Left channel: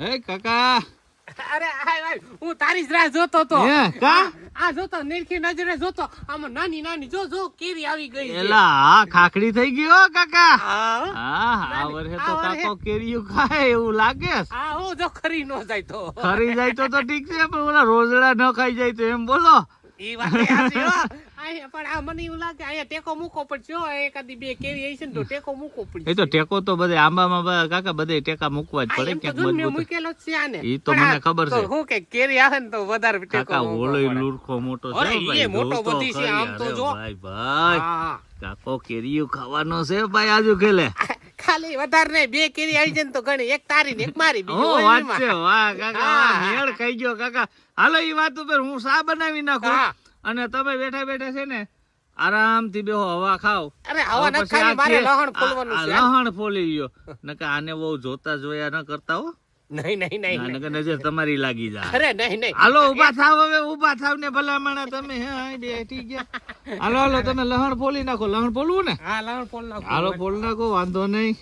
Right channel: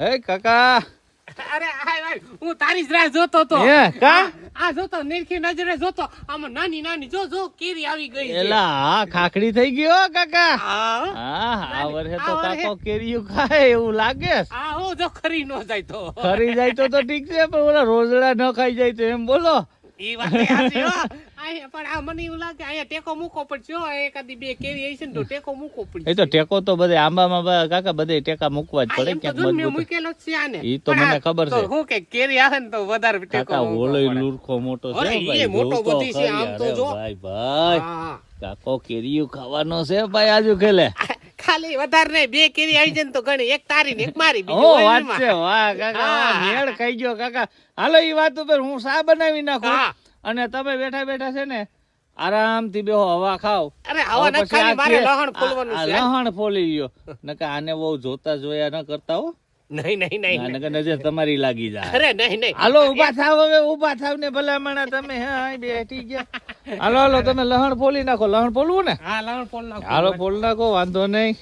હે કાકા અરે આય હું તારી જ રાહ જોતો તો હે કા આ જોતો નીરખી નજરે જોતો આમાં નાની નાની જો જો કેરી આવી ગઈ છે એલા હા ખાખડી થઈ ગઈ હો કાકા હા હા આ વર્ષે આ તો વર્ષે. કાકો કેરીઓ ખાય એવું લાગે છે. આ હો જો ખરી નો જાય તો ફરી જાય તો ઠીક છે પણ ઓલા રોજડા ન ખાઈ જાય તો એમ બોલો ઈ વાત એ હાચી હો આયા પણ આ મને એવું લાગે આયા ટેકો મૂકો પડશે હો એકાદી બે કેરી હશે ને તો ટેકો મૂકો પડશે એ તો ટેકો તો બધે આંબામાં કાકા બધે ટેકા મૂકવા જ આ પડે એમ તો ક્યાંક જો ને મેં મજબૂત મૂકેલો જ છે આને ઈ તો પણ મને આ ખબર તો છે. હું કે કેરી આવે ને તો વધારે ટેકો કાકા મૂકવો ઓલો પડે. લુરખો મોટો છે અરે, હો ભાઈ ઈ મોટો જોતો બધી છે, ખરી. આમ તો અરે જો. ભાઈ ભાઈ હા કાકો કેરીઓ ખાવાનો છે ભાઈ આજુ ખેલે ખાલી વધારે નહીં બે કેરી આવી જાય ને તો ઘણી એક તારી ને એક મારી બીજી ઓ હોય વાત એમાં. છે વાહ કાકા હા. મેળ ખાઈ ગયો કાકા હાલો ઈ વાત ઉપર હું સા બનાવી નાખું હા. અને તમે બેઠા બેઠા છે ને આરામથી બેહો હવા ખાઓ અરે હવા હવે નથી ખાવી પછી મારે આ લહણ ફોલવાનું આ છે લહણ ફોલી ગયો નકર આને બહુ જોતા જોયા ન કરતા હો નહીં નહીં નહીં નહીં. નકર નજર તમારી લાગી જાય અરે નહીં નહીં હાલો ઊભા થાવ હવે ઊભા થાવ ને ભલામણા તમે હે આય બેઠી ગયા હાલો હાલો તમે લહણ ફોલી નાખો લહણ ફોલવું ને હા લહણ ફોલ નાખો હાલો ફોલ નાખો વાંધો નહીં